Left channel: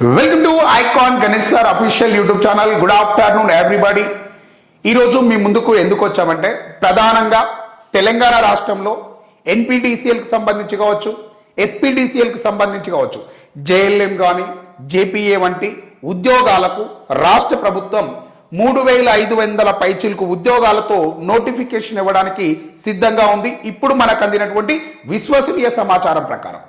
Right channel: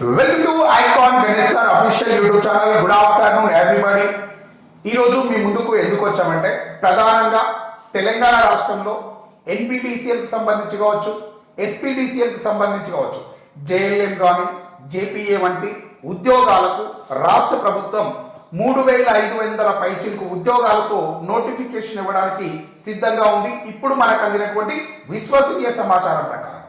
Welcome to icon Ganesh sir official YouTube channel. Good afternoon everybody ఈరోజు మీ ముందుకు ఎందుకు వచ్చామంటే ప్రధానంగా తెలంగాణ రాష్ట్రంలో ఎన్పిడిసిఎల్కి సంబంధించి కావచ్చు ఎస్పీడిసిఎల్కి సంబంధించి కావచ్చు జేఎల్ఎం కానీ జేపీఏ వంటి ఉద్యోగాలకు రాష్ట్ర ప్రభుత్వం మూడు వేల ఐదు వందల పైచిలకు ఉద్యోగాలతో నోటిఫికేషన్ ఇవ్వడానికి సిద్ధంగా ఉంది. ఇప్పుడు మనకు అందినటువంటి విశ్వసనీయ సమాచారం ప్రకారం.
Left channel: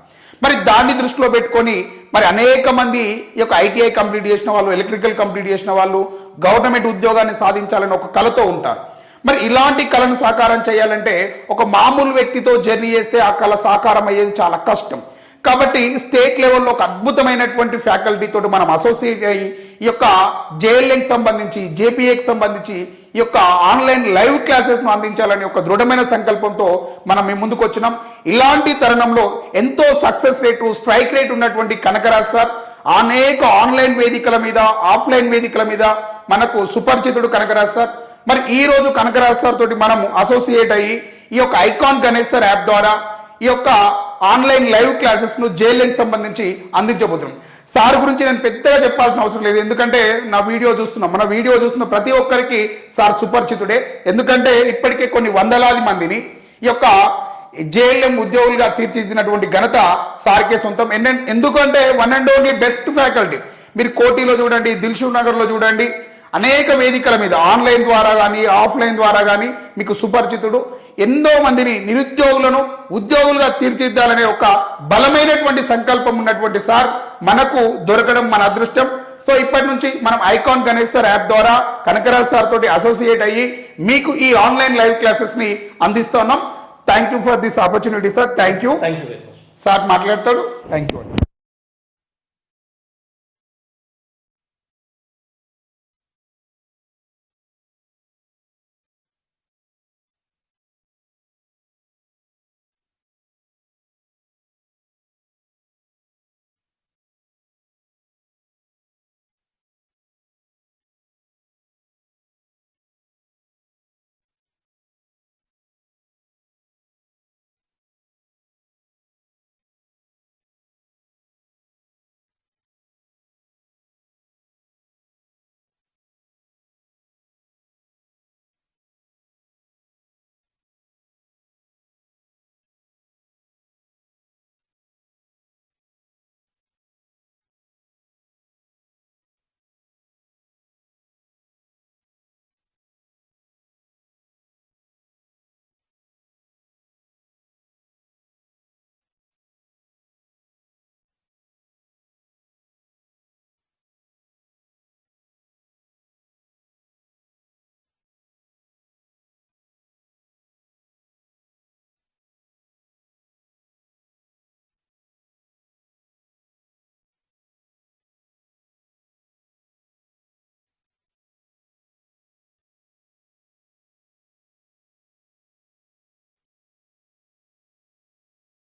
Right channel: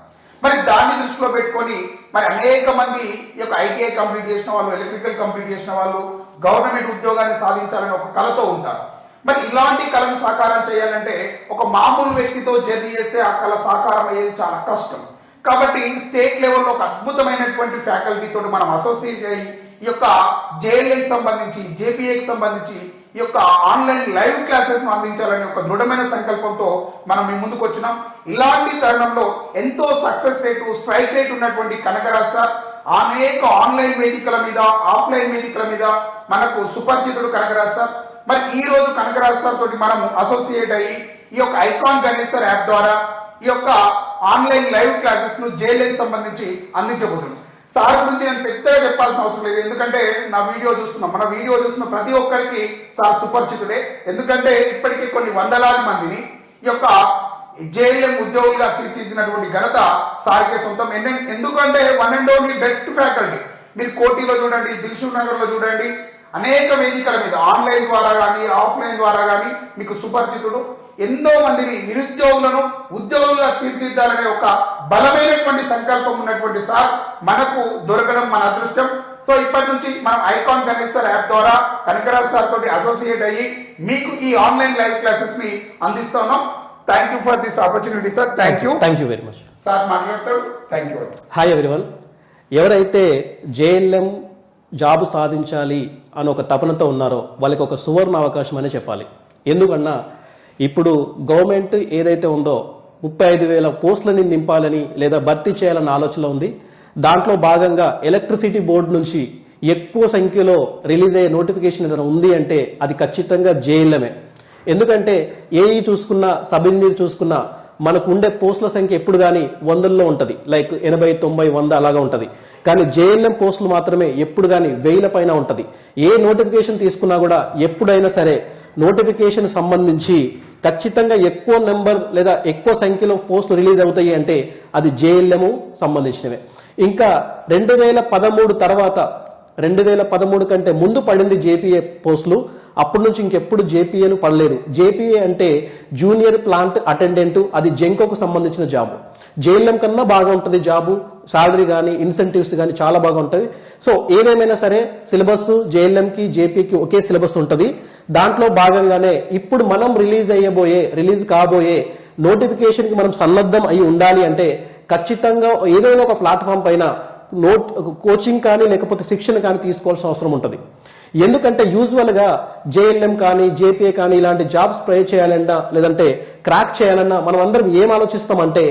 మరి దాన్ని దృష్టిలో పెట్టుకొని మరి అనేక మంది ఈ యొక్క ఐటీఐ కంప్లీట్ చేసిన వాళ్ళు ఎలక్ట్రికల్ కంప్లీట్ చేసిన వాళ్ళు గవర్నమెంట్ ఉద్యోగాన్ని సాధించాలని ఒక కలతో ఉంటారు. మరి ఇలాంటి కళను సాకారం చేయాలంటే ఒక మామూలు వ్యక్తితో జర్నీ చేస్తే ఆ కళ సాకారం అయ్యేది చాలా కష్టం. కాబట్టి స్టేట్ లెవెల్లో ఒక అద్భుతమైనటువంటి ఫ్యాకల్టీ తోటి మనం అసోసియేట్ అయ్యి ఈ యొక్క జేఎల్ఏకి సంబంధించి జేపీఏకి సంబంధించి ఈ యొక్క ఆన్లైన్ లైవ్ క్లాసెస్ అందించాలని ఒక దృఢమైన సంకల్పంతో మనం మీ ముందుకు వచ్చినాం. ఇలాంటి తరుణంలో ఎంతో సక్సెస్ రేటు స్ట్రైక్ రేట్ ఉన్నటువంటి కనకరాజ్ సార్ అనేక ఆన్లైన్ వేదికల మీద ఆఫ్లైన్ వేదికల మీద మనకు సుపరిచితుడు కనకరాజ్ సార్. మరి ఈ రోజు కనకరాజ్ సార్ తోటి మనం అసోసియేట్ అయ్యి ఈ యొక్క ఐకాన్ గణేష్ సార్ యాప్ ద్వారా ఈ యొక్క ఆన్లైన్ లైవ్ క్లాసెస్ను జేఎల్ఎంకి సంబంధించి అందించబోతున్నాం. సార్ గురించి నేను పెద్దగా చెప్పాల్సిన అవసరం లేదు. ఎందుకంటే నా వీడియో చూస్తున్నాం. మన వీడియో చూస్తున్న ప్రతి ఒక్కరికి సార్ సుపరిచితుడే. ఎందుకంటే ఇప్పటికే కొన్ని వందలాది మందిని ఈ యొక్క జేఎల్ఎం ఉద్యోగులుగా తీర్చిదిద్దినటువంటి ఘనత సార్కే సొంతం. ఎందుకంటే one and only best faculty. మీరు కోటిలో చూడండి దిల్షుక్ నగర్లో చూడండి అనేక వేదికల మీద ఆన్లైన్ ద్వారా కానీ ఆఫ్లైన్ ద్వారా కానీ మీకు సుపరిచితుడు ఎన్నో మందిని నిరుద్యోగులను ఉద్యోగులుగా తీర్చిదిద్దాలనే ఒక బలమైనటువంటి సంకల్పం ఉన్నటువంటి సార్ మనకు దొరకడం మన అదృష్టం. సో ఇప్పటి నుంచి మనం ఐకాన్ గణేష్ సార్ యాప్ ద్వారా కనకరాజ్ సార్ తోటి అసోసియేట్ అయ్యి మీకు ఈ ఆన్లైన్ లైవ్ క్లాసెస్ని అందిస్తున్నాం. Thank you for this opportunity sir thank you thank you very much sir మాట్లాడతాడు. థ్యాంక్ యూ హాయ్ ఎవ్రీవన్ ఎవరైతే జేఎల్ఎం జాబ్ సాధించాలి అని ఒక తపనతో ఉన్నారో వాళ్ళకి ఒక సువర్ణ అవకాశం అనే చెప్పాలి. ఎందుకన్నా ఇప్పుడు గవర్నమెంట్ ఏదైతే ఉందో ముప్పై ఐదు వేల పోస్టులని నింపాలని లేదా భర్తీ చేయాలన్న ఆలోచన ఉంది. దాంట్లో భాగంగా ఎలక్ట్రిసిటీ బోర్డు నుంచి ఎక్కువ సంఖ్యలో రిలీజ్ అయ్యే నోటిఫికేషన్ ఏదైనా ఉంది అంటే అది ఖచ్చితంగా జేఎల్ఎమే ఎందుకంటే ఏఈ చూసుకున్నా సబ్ ఇంజనీర్ చూసుకున్నా మనకు ఉండే పోస్టుల సంఖ్య ఎప్పుడు కానీ వందల్లో ఉంటుంది. లైక్ ఎనభై తొంభై వంద అలాగా ఉంటుంది. కానీ జేఎల్ఎం పోస్టులు మాత్రమే ఎప్పుడు కానీ వేల పైన ఉంటుంది. ఏ నోటిఫికేషన్ తీసుకున్నా కూడా ఎప్పుడైనా సరే నోటిఫికేషన్ సంబంధించి ఖచ్చితంగా ఎక్కువ నెంబర్ లేదా ఎక్కువ సంఖ్యలో పోస్టులు రిలీజ్ అవుతాయి అంటే అది జేఎల్ఎం సంబంధించినవే. ఇంకా రెండు వేల పదమూడు తర్వాత రెండు వేల పదమూడు కంటే ముందు పడింది జేపీఏ పోస్టులు. అప్పటి నుంచి ఇంకెప్పుడు జేపీఏలు పడలేదు. జేపీఏ అంటే జూనియర్ ప్లాంట్ అటెండెంట్ అది జెంకోకు సంబంధించిన జాబ్. జేఎల్ఎం కన్నా బాగా ఉంటుంది జాబు. సాలరీ కానీ ఇన్సెంటివ్స్ కానీ చాలా బాగా ఉంటుంది. సో ఏదేమైనా సరే సిలబస్ జేఎల్ఎంకి జేపీకి ఒకే సిలబస్ ఉంటుంది. దాంట్లో భాగంగానే ఇప్పుడు మనం రిలీజ్ అయ్యబోయే రిలీజ్ కాబోయే నోటిఫికేషన్కి మనం సన్నద్ధం అయి ఉండాలి అంటే ఖచ్చితంగా ఏదైనా ఒక ప్లాట్ఫామ్ పైన నోట్ కోచింగ్ కానీ లేకపోతే శిక్షణ కానీ తీసుకోవాల్సిన అవసరం ఉంటుంది. ఎందుకంటే యూజువల్గా జేఎల్ఎం కానీ జేపీఏ కానీ ఇలాంటి జాబ్స్ ప్రే చేయాలన్నా లేదంటే క్రాక్ చేయాలన్నా మనం అందరం ఏం ఆలోచిస్తామంటే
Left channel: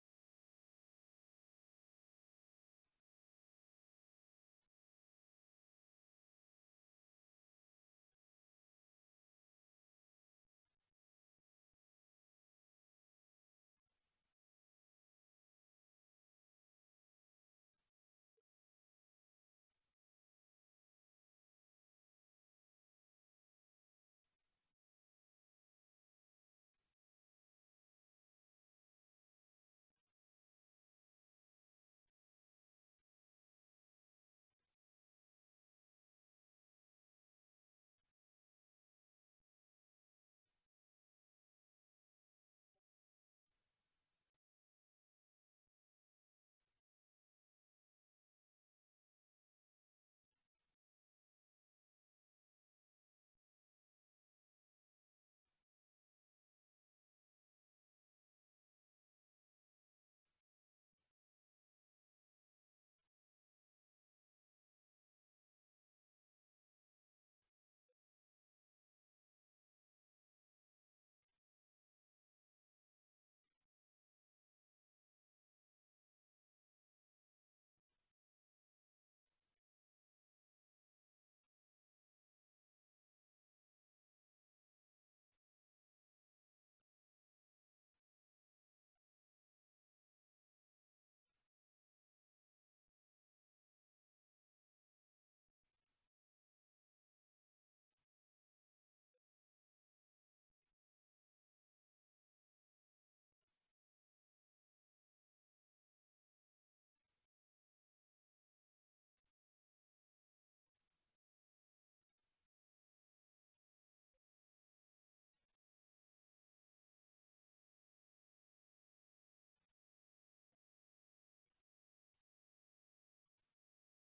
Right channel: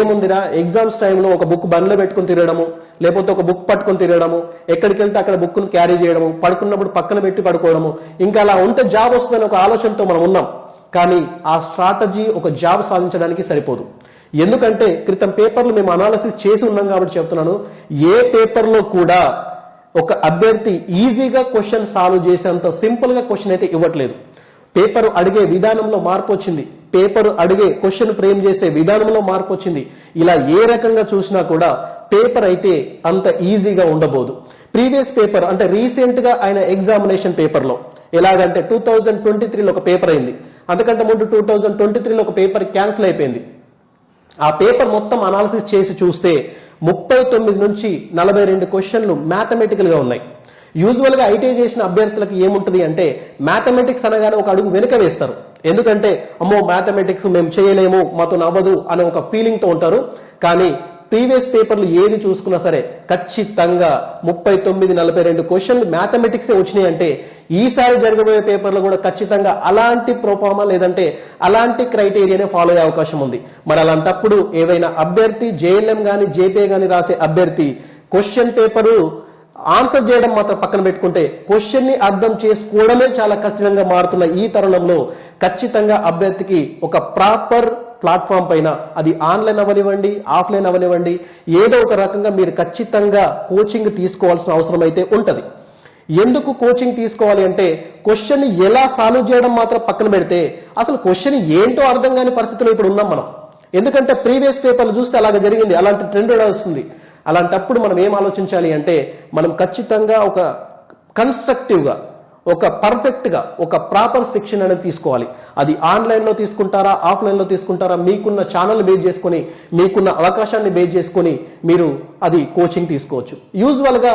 ఏముందిరా ఎగ్జామ్స్ టైంలో ఒక బుక్ బండ్లో పెట్టుకుని తిరగడము లేకపోతే ఒక బుక్ పట్టుకొని తిరగడము ఎక్కడికి వెళ్తే అక్కడ బుక్ను క్యారీ చేయడము పడుకున్నప్పుడు పక్కన పెట్టి పడుకోవడము ఇంకా అలా ఉంటే జాబ్ వస్తుందని ఒక ఆలోచనతో మనం ఉన్నాం. కానీ ఆ స్ట్రాటజీ ఒక జాబ్ సాధించడానికి సరిపోదు. ఎందుకంటే క్రితం పేపర్లు మేము అనాలసిస్ చేసి ఉన్నాం కాబట్టి చెప్తున్నాను. ఏ పేపర్లో కూడా ఒక అభ్యర్థి ఈజీగా క్వశ్చన్ సాల్వ్ చేసేంత సింపుల్గా క్వశ్చన్ అయితే ఇవ్వట్లేదు. పేపర్ అడిగే విధానంలో మార్పు వచ్చింది. పేపర్ అడిగే క్వశ్చన్ ఫ్రేమ్ చేసే విధానంలో మార్పు వచ్చింది. ఇలా ఏ రకంగా చూసినా కూడా పేపర్ అయితే అంత ఈజీగా ఉండబోదు. ప్రీవియస్ పేపర్ అంటే రీసెంట్గా ఆయన ఎగ్జామినేషన్ పేపర్లో ఎలాగంటే టూ థౌజండ్ ట్వంటీ త్రీలో ఒక పేపర్ అయింది. అంతకంటే ముందు టూ థౌజండ్ ట్వంటీ త్రీలో ఒక పేపర్ క్యాన్సిల్ అయిపోయింది. ఆ పేపర్ మొత్తం అనాలిసిస్ చేసి చూస్తే ముప్పై తొమ్మిది నుంచి నలభై రెండు క్వశ్చన్లు మ్యాథమెటికల్గా ఉన్నాయి. యూజువల్గా ఐటీఐ చేసిన అభ్యర్థులకు ఏముంటుంది అంటే మ్యాథమెటిక్స్ అనగానే ఒక అడుగు వెనుక వేస్తారు. ఎందుకంటే అమ్మో మ్యాథమెటిక్స్ మేము చేయలేము మాతో నవ్వదు అనే ఒక ఫీలింగ్తో ఉంటారు. కానీ ప్రీవియస్ పేపర్లు ఏది చూసుకున్నా సరే ఖచ్చితంగా ముప్పై తొమ్మిది నలభై రెండు క్వశ్చన్లు మ్యాథమెటిక్స్ వచ్చినాయి అంటే ఈసారి జరగబోయే పేపర్లో కూడా ఖచ్చితంగా అలాంటి ప్రోఫామా లేదంటే అలాంటి క్రైటీరియానే ఫాలో అయ్యే అవకాశం ఉంది. మరి అలాంటప్పుడు ఏవైనా అభ్యర్థి జేఎల్ఎం గాని జేపీఏ గాని రాసే అభ్యర్థి క్వశ్చన్ పేపరు ఆన్సర్ చేయడం మాత్రం పక్కన పెట్టుకుంటే క్వశ్చన్ని అర్థం చేసుకోవడమే చాలా కష్టంగా మారుతున్న ఈ తరుణంలో ఖచ్చితంగా అభ్యర్థికి ఒక ప్రాపర్ ప్లాట్ఫామ్ పైన అది ఆన్లైన్ అవనివ్వండి ఆఫ్లైన్ అవనివ్వండి ఏదో ఒక రకంగా మీరు ఖచ్చితంగా కోచింగ్ తీసుకోవాల్సిన అవసరం అయితే ఉంటుంది. ఎందుకు కోచింగ్ తీసుకోవాలి అంటే క్వశ్చన్ ఎలా సాల్వ్ చేయడం మాత్రం పక్కన పెడితే అసలు క్వశ్చన్ ఏంటో అర్థం కాని పరిస్థితిలో ఇప్పుడు ఉన్నాం మనం. ఎందుకంటే ప్రీవియస్ పేపర్లు చూస్తే అలాగ జరిగింది అలాంటి ట్రెండ్ వస్తుంది. అలాంటప్పుడు మనం ఏం ఆలోచించాలి అంటే మనం ఖచ్చితంగా ఒక కన్స్ట్రక్టివ్గా ఒక పర్ఫెక్ట్గా ఒక ప్రాపర్ శిక్షణ అనేది తీసుకోవాలి. అది ఆన్లైన్లో తీసుకుంటారా ఆఫ్లైన్లో తీసుకుంటారా మీకున్న ఛానల్ బేస్ చేసుకొని మీకున్న అవకాశాన్ని బేస్ చేసుకొని మీరు అది కోచింగ్ తీసుకోవచ్చు. యూజువల్గా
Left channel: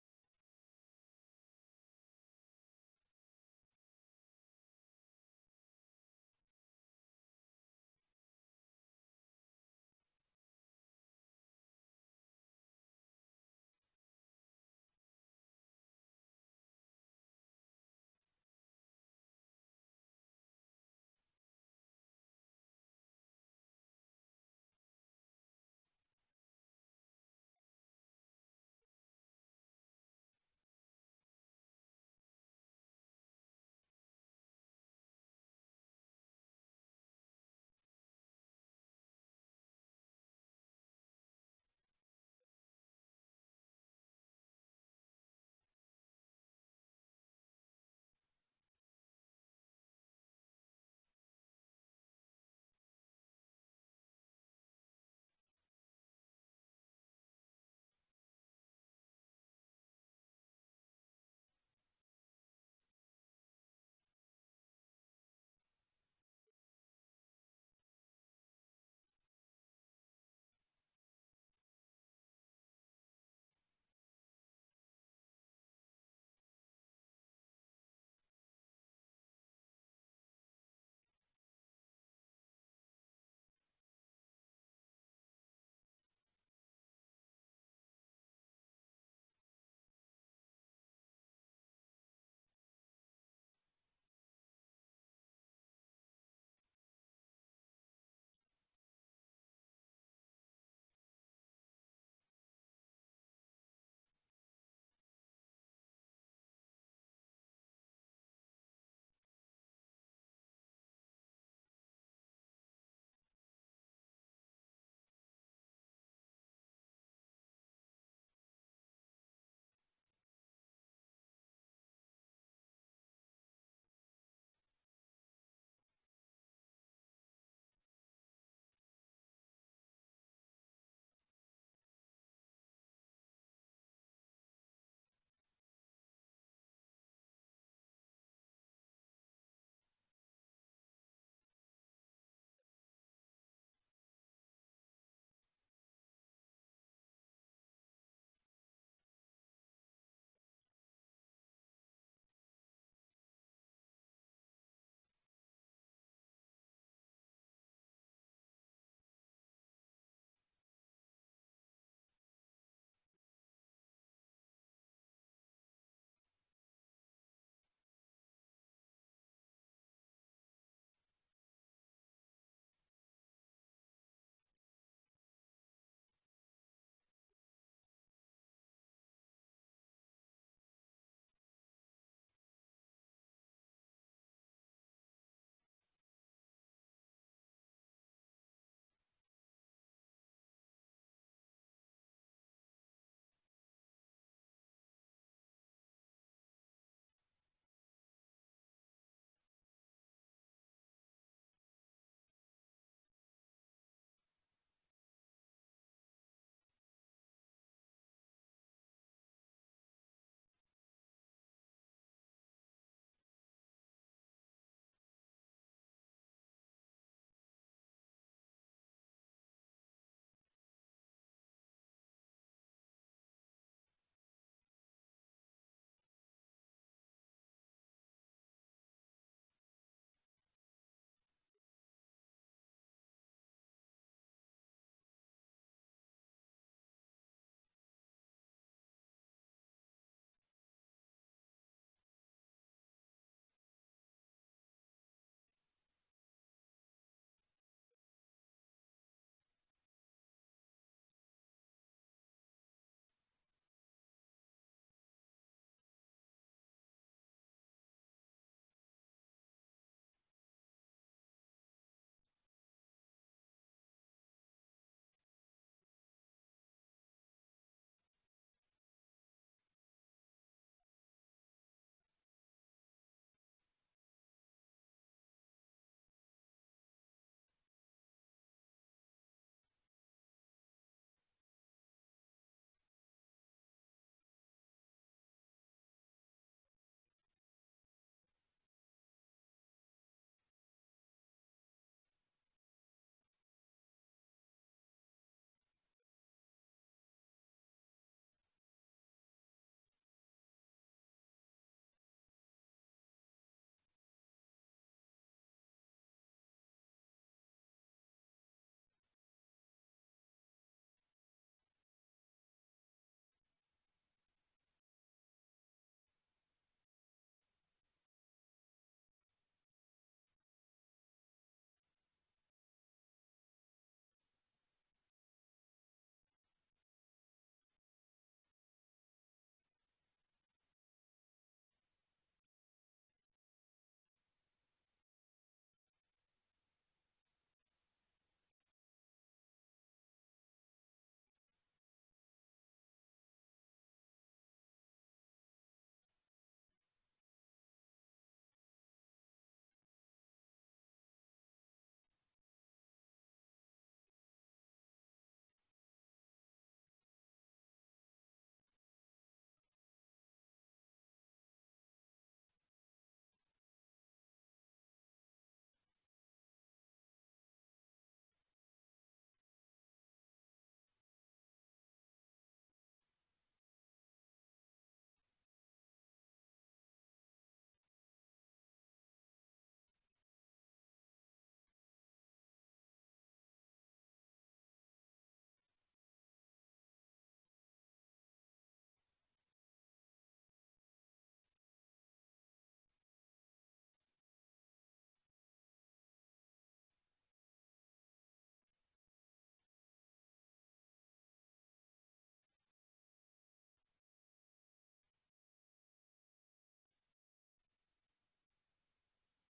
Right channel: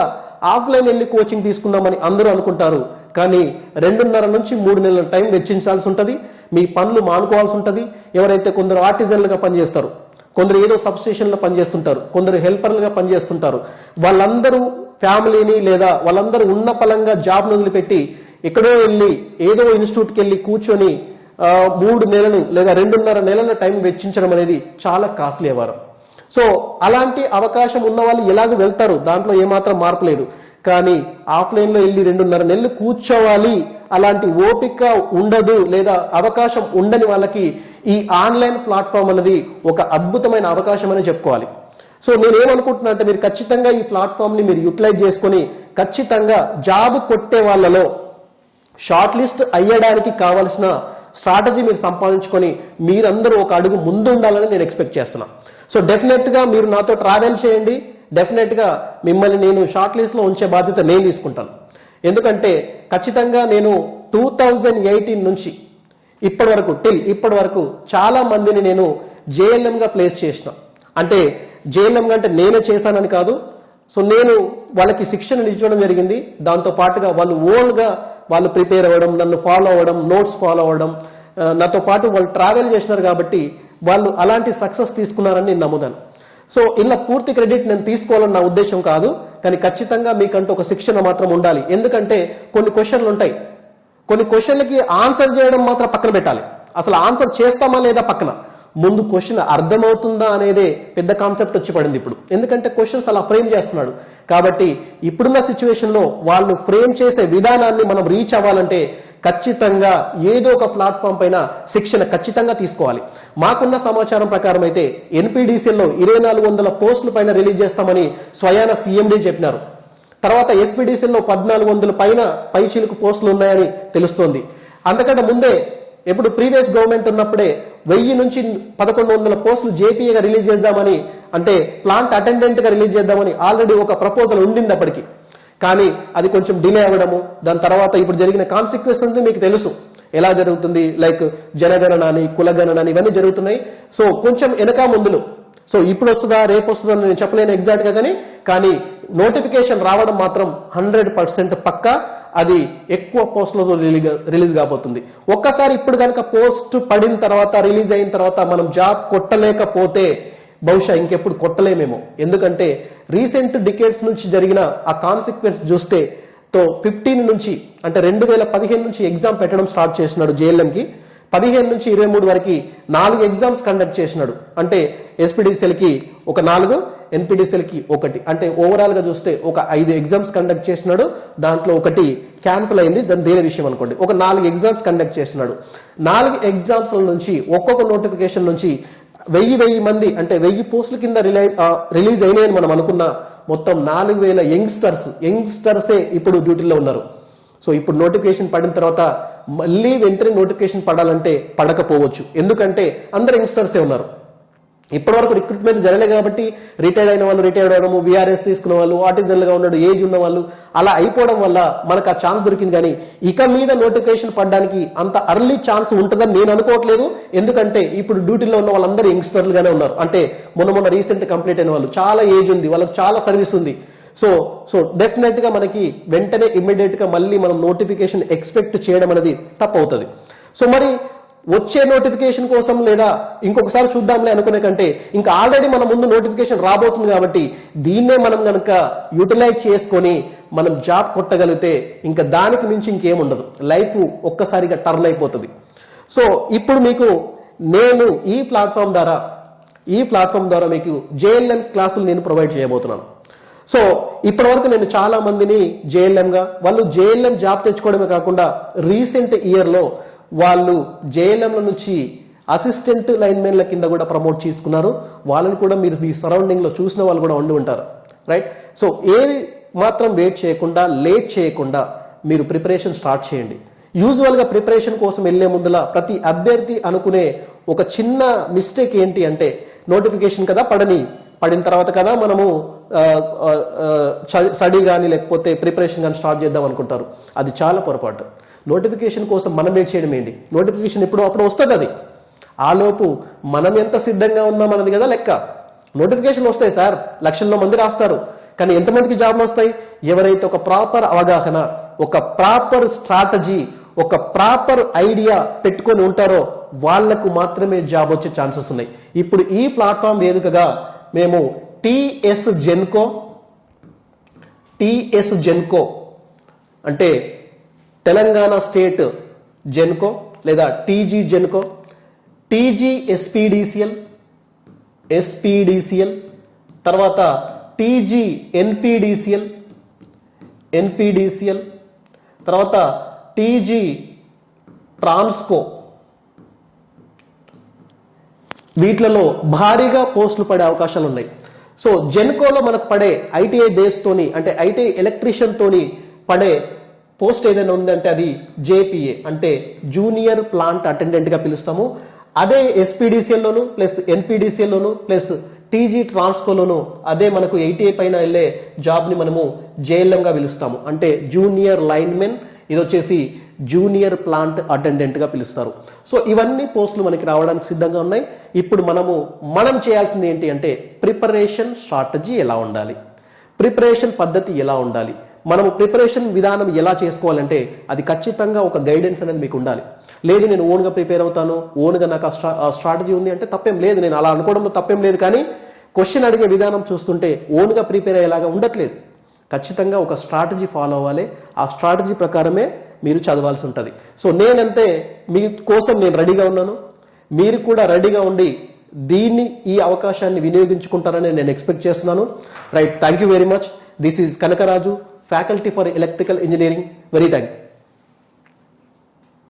ఆఫ్లైన్ వెళ్ళి కోచింగ్ తీసుకుందామని అందరూ అనుకుంటారు. కానీ రెండున్నర నుంచి మూడు నెలల టైం వెచ్చించాల్సి ఉంటుంది. మీ పనులు మానుకోవాల్సి ఉంటుంది. ఎవరైతే కొందరు ఆర్టిజన్లుగా పనిచేస్తారు కొందరు ఏదో సబ్స్టేషన్లో పనిచేస్తుంటారు కొందరు హెల్పర్లుగా పనిచేస్తుంటారు వాళ్ళందరూ ఫ్యామిలీని లేదా వాళ్ళందరూ ఉన్న పలంగా జాబ్ను వదిలిపెట్టి ఎక్కడో వెళ్ళి ఏదో ఇన్స్టిట్యూట్కి వెళ్ళి కూర్చొని మూడు నెలలు లేదా రెండున్నర నెలల టైం వెచ్చించడం అనేది చాలా కాస్ట్లీ వ్యవహారం. సో అలాంటి అవకాశం ఉన్న వాళ్ళు ఎలాగ వెళ్తారు? దాంట్లో ఏమాత్రం మార్పు లేదు. కానీ ఆఫ్లైన్లో వెళ్ళి రెండున్నర నెలలు కూర్చోవాలి అలాంటి ఓపిక ఉండదు లేదా అవకాశం ఉండని వాళ్ళకి ఈ ఆన్లైన్ ప్లాట్ఫామ్ అనేది ఒక అద్భుతమైన అవకాశం అని చెప్పుకోవాలి. సో నేనేమనుకుంటున్నా అంటే మీరు ఖచ్చితంగా ఈ ప్లాట్ఫామ్ని మీరు యూటిలైజ్ చేసుకొని ఖచ్చితంగా జాబ్ కొట్టే వాళ్ళలో షార్ట్ లిస్ట్ అయ్యడానికి కావలసిన స్ట్రాటజీ మీరు సంపాదించుకొని మీరందరూ ఒక అడుగు ముందు ఉండాలని నేను ఎక్స్పెక్ట్ చేస్తున్నా. సో డెఫినెట్గా మీరు నాతో ట్రావెల్ చేయండి. డెఫినెట్గా మిమ్మల్ని నేను షార్ట్ లిస్ట్లో ఉంచే బాధ్యత నేను తీసుకుంటాను. ఎందుకంటే ఖచ్చితంగా నేను టూ థౌజండ్ ఎయిటీన్ నుంచి ఇప్పటి వరకు టిల్ ఇప్పటి వరకు చాలా మందిని నేను JLM గా ప్లేస్ చేసిన. అంటే జేఎల్ఎం అంటే నేనే చేశానని కాదు. సో నేను వాళ్ళకి శిక్షణ ఇచ్చడం జరిగింది. దాంతో పాటుగా వాళ్ళు ఓన్గా వాళ్ళు ప్రిపేర్ అవ్వడం నన్ను ఫాలో అవ్వడం నోట్స్ ఫాలో అవ్వడం నాతో పాటు వాళ్ళు ట్రావెల్ చేసినారు కాబట్టి వాళ్ళు అలాంటి సక్సెస్ తీసుకున్నారని నేను నమ్ముదాను సో ఇలా పూర్తి క్రెడిట్ నేను తీసుకోవాలని నా ఉద్దేశం కాదు. కానీ ఖచ్చితంగా మీకంటూ ఒక శిక్షణ మాత్రం ఉండాలి. ఎందుకంటే కొన్ని క్వశ్చన్లు ఉంటాయి. కొన్ని క్వశ్చన్లకి ఆన్సర్ చేయడం మాత్రం పక్కన పెట్టాలి. అసలు ఆన్సర్ చేస్తామా లేదా పక్కన? ముందు క్వశ్చన్ అర్థమవుతుందా అనేదే పెద్ద కాన్సెప్ట్ వచ్చి పడింది ఇప్పుడు. ఎందుకంటే క్వశ్చన్స్ అలా ఫ్రేమ్ చేస్తున్నాడు. కాబట్టి ఇప్పుడున్న సిచ్యువేషన్లో వాళ్ళు ఫ్రేమ్ చేసే విధానాన్ని మనం రీచ్ అవ్వాలంటే ఖచ్చితంగా ఏదో ఒక ప్లాట్ఫామ్ పైన శిక్షణ ఖచ్చితంగా తీసుకోవాలి. మాకున్న సమాచారం ప్రకారం అయితే ఎన్పీడీసీల్లో ఇరవై నాలుగు వందల పోస్టుల పైన రిలీజ్ చేస్తామని స్వయాన సీఎండీ చెప్పినారు. తర్వాత ఎస్పీడీసీల్లో పద్నాలుగు వందల పైన పైచీలకు పోస్టులు ఉన్నాయని తెలుస్తోంది. అంతకంటే ముందే ఇప్పుడు ప్రీవియస్ గవర్నమెంట్ ఉన్నప్పుడే వెయ్యి నుంచి పదకొండు వందల పోస్టులు జేపీఏగా రిలీజ్ చేద్దామని అంటే ప్లాంట్ అటెండెంట్గా రిలీజ్ చేద్దామని ఆల్రెడీ ఒక ప్రపోజల్ ఉండింది అప్పటికి. కానీ అది కొంచెం డిలే అవ్వడము దాని తర్వాత ఇప్పుడు జరిగిన కాన్సిక్వెన్స్ మీకు తెలుసు. ఎలా జరుగుతుంది? లైక్ జనగణన అని కులగణన అని ఇవన్నీ జరుగుతున్నాయి. సో కొంచెం వెనక ముందులు. సో ఇప్పుడు వస్తుందా రేపు వస్తుందా నేను చెప్పలేను ఎగ్జాక్ట్గా కానీ కానీ నోటిఫికేషన్ రావడం మాత్రం హండ్రెడ్ పర్సెంట్ పక్కా. అది ఎక్కువ పోస్టులతో రిలీజ్ రిలీజ్ కాబోతుంది. ఒక్కసారి ఇప్పుడు కనుక పోస్ట్ పడిన తర్వాత రిలీజ్ అయిన తర్వాత మనం జాబ్ కొట్టలేకపోతే బహుశా ఇంకెప్పుడు కొట్టలేమేమో. ఎందుకంటే రీసెంట్ డికేట్స్ నుంచి జరిగిన ఆ కాన్సిక్వెన్స్ చూస్తే తో ఫిఫ్టీన్ నుంచి అంటే రెండు వేల పదిహేను నుంచి ఎగ్జామ్ పెట్టడం స్టార్ట్ చేసినాడు జేఎల్ఎంకి. పదిహేను నుంచి ఇరవై మూడు వరకు నాలుగు ఎగ్జామ్స్ కండక్ట్ చేసినాడు. అంటే ఎస్పీడీసీఎల్కి ఒక నాలుగు ఎన్పిడిసిఎల్కి ఒకటి. అంటే ఓవరాల్గా చూస్తే ఒక ఐదు ఎగ్జామ్స్ కండక్ట్ చేసినాడు. దాంట్లో ఒకటి క్యాన్సిల్ అయింది. దాని దేని విషయం అనుకోండి. ఒక నాలుగు ఎగ్జామ్స్ కండక్ట్ చేసినాడు. నాలుగు ఎగ్జామ్స్ నుంచి ఒక్కొక్క నోటిఫికేషన్ నుంచి వెయ్యి వెయ్యి మంది అంటే వెయ్యి పోస్టుల కింద రిలీజ్ అయినాయని మనం అనుకున్న మొత్తం నాలుగు వేల యంగ్స్టర్స్ యంగ్స్టర్సే ఇప్పుడు డ్యూటీలో ఉన్నారు. సో ఇప్పుడు నోటిఫికేషన్ పడిన తర్వాత మళ్ళీ వెంటనే నోటిఫికేషన్ పడాలంటే పడకపోవచ్చు. ఎందుకంటే అందరు యంగ్స్టర్సే ఉన్నారు. ఇప్పటివరకు రిక్రూట్మెంట్ జరగలేదు కాబట్టి రిటైర్డ్ అయిన వాళ్ళు రిటైర్డ్ అవడము విఆర్ఎస్ తీసుకున్న వాళ్ళు ఆర్టిజన్లుగా ఉన్నాడు ఏజ్ ఉన్న వాళ్ళు అలా అయిపోవడం వల్ల మనకు ఆ ఛాన్స్ దొరికింది. కానీ ఇక మీద నోటిఫికేషన్ పడడానికి అంత అర్లీ ఛాన్స్ ఉంటుందని నేను అనుకోవట్లేదు. ఎందుకంటే ఇప్పుడు డ్యూటీలో ఉన్న వాళ్ళందరూ యంగ్స్టర్లుగానే ఉన్నారు. అంటే మొన్న మొన్న రీసెంట్ కంప్లీట్ అయిన వాళ్ళు చాలా ఏజ్ ఉంది వాళ్ళకి చాలా సర్వీస్ ఉంది. సో సో డెఫినెట్గా మనకి వెంటనే ఇమ్మీడియట్గా మళ్ళీ మనం నోటిఫికేషన్ ఎక్స్పెక్ట్ చేయడం అనేది తప్పవుతుంది. సో మరి వచ్చే నోటిఫికేషన్ కోసం లేదా ఇంకొకసారి చూద్దాంలే అనుకునే కంటే ఇంకా ఆల్రెడీ మన ముందు నోటిఫికేషన్ రాబోతుంది కాబట్టి దీన్నే మనం కనుక యూటిలైజ్ చేసుకొని మనం జాబ్ కొట్టగలిగితే ఇంకా దానికి మించి ఇంకేముండదు లైఫ్ ఒక్కసారిగా టర్న్ అయిపోతుంది. సో ఇప్పుడు మీకు నేను ఈ ప్లాట్ఫామ్ ద్వారా ఈ ప్లాట్ఫామ్ ద్వారా మీకు జేఎల్ఎం క్లాసులు నేను ప్రొవైడ్ చేయబోతున్నాను. సో ఇప్పటి వరకు నేను చాలా మందిని జేఎల్ఎంగా గా వాళ్ళు జేఎల్ఎం జాబ్ తెచ్చుకోవడమే కాకుండా రీసెంట్ ఇయర్లో వాళ్ళు జేఎల్ఎంల నుంచి అసిస్టెంట్ లైన్మెన్ల కింద కూడా ప్రమోట్ చేసుకున్నారు. వాళ్ళని కూడా మీరు మీ సరౌండింగ్లో చూసిన వాళ్ళు కూడా ఉండి ఉంటారు. రైట్? సో ఏది మాత్రం వెయిట్ చేయకుండా లేట్ చేయకుండా మీరు ప్రిపరేషన్ స్టార్ట్ చేయండి. యూజువల్గా ప్రిపరేషన్ కోసం వెళ్ళే ముందులా ప్రతి అభ్యర్థి అనుకునే ఒక చిన్న మిస్టేక్ ఏంటి అంటే నోటిఫికేషన్ కదా పడని పడిన తర్వాత కదా మనము స్టడీ కానీ లేకపోతే ప్రిపరేషన్ కానీ స్టార్ట్ చేద్దాం అనుకుంటారు. అది చాలా పొరపాటు. నోటిఫికేషన్ కోసం మనం వెయిట్ చేయడం ఏంటి? నోటిఫికేషన్ ఎప్పుడు అప్పుడు వస్తుంది అది? ఆలోపు మనం ఎంత సిద్ధంగా ఉన్నాం అన్నది కదా లెక్క. నోటిఫికేషన్ వస్తాయి సార్. లక్షల్లో మంది రాస్తారు. కానీ ఎంతమందికి జాబ్లు వస్తాయి? ఎవరైతే ఒక ప్రాపర్ అవగాహన ఒక ప్రాపర్ స్ట్రాటజీ ఒక ప్రాపర్ ఐడియా పెట్టుకొని ఉంటారో వాళ్ళకు మాత్రమే జాబ్ వచ్చే ఛాన్సెస్ ఉన్నాయి. ఇప్పుడు ఈ ప్లాట్ఫామ్ వేదికగా మేము టిఎస్ జెన్కో టిఎస్ జెన్కో అంటే తెలంగాణ స్టేట్ జెన్కో లేదా TG Genco TG SPDCL SPDCL తర్వాత టీజీ ఎన్పీడీసీఎల్ ఎన్పీడీసీఎల్ తర్వాత టీజీ ట్రాన్స్కో. వీటిలలో భారీగా పోస్టులు పడే అవకాశాలు ఉన్నాయి సో జెన్కోలో మనకు పడే ఐటీఐ బేస్తోని అంటే ఐటీఐ ఎలక్ట్రీషియన్ తోని పడే పోస్ట్ ఏదైనా ఉందంటే అది జేపీఏ అంటే జూనియర్ ప్లాంట్ అటెండెంట్గా పిలుస్తాము. అదే SPDCL plus NPDCL plus TG ట్రాన్స్కోలోను అదే మనకు ఎయిటీఏ పైన వెళ్ళే జాబ్ని మనము JLM గా పిలుస్తాము. అంటే జూనియర్ లైన్మెన్ ఇది వచ్చేసి జూనియర్ ప్లాంట్ అటెండెంట్గా పిలుస్తారు. సో ఇవన్నీ పోస్టులు మనకి రావడానికి సిద్ధంగా ఉన్నాయి. ఇప్పుడు మనము మనం చేయాల్సింది ఏంటి అంటే ప్రిపరేషన్ స్ట్రాటజీ ఎలా ఉండాలి? ప్రిపరేషన్ పద్ధతి ఎలా ఉండాలి? మనము ప్రిపరేషన్ విధానం ఎలా చేసుకోవాలంటే అది ఖచ్చితంగా ఒక గైడెన్స్ అనేది మీకు ఉండాలి. లేదు నేను ఓన్గా ప్రిపేర్ అవుతాను ఓన్గా నాకు స్ట్రా స్ట్రాటజీ ఉంది అంటే తప్పేం లేదు. నేను అలా అనుకోవడంలో తప్పేం లేదు కానీ క్వశ్చన్ అడిగే విధానం చూస్తుంటే ఓన్గా ప్రిపేర్ అయ్యేలాగా ఉండట్లేదు. ఖచ్చితంగా ఒక స్ట్రాటజీ ఫాలో అవ్వాలి. ఆ స్ట్రాటజీ ప్రకారమే మీరు చదవాల్సి ఉంటుంది. సో నేనంతే మీ కోసం నేను రెడీగా ఉన్నాను. మీరు కూడా రెడీగా ఉండి దీన్ని ఈ అవకాశాన్ని వినియోగించుకుంటారని నేను ఎక్స్పెక్ట్ చేస్తున్నాను. Right thank you very much this is Kanakaraju faculty for electrical engineering very thank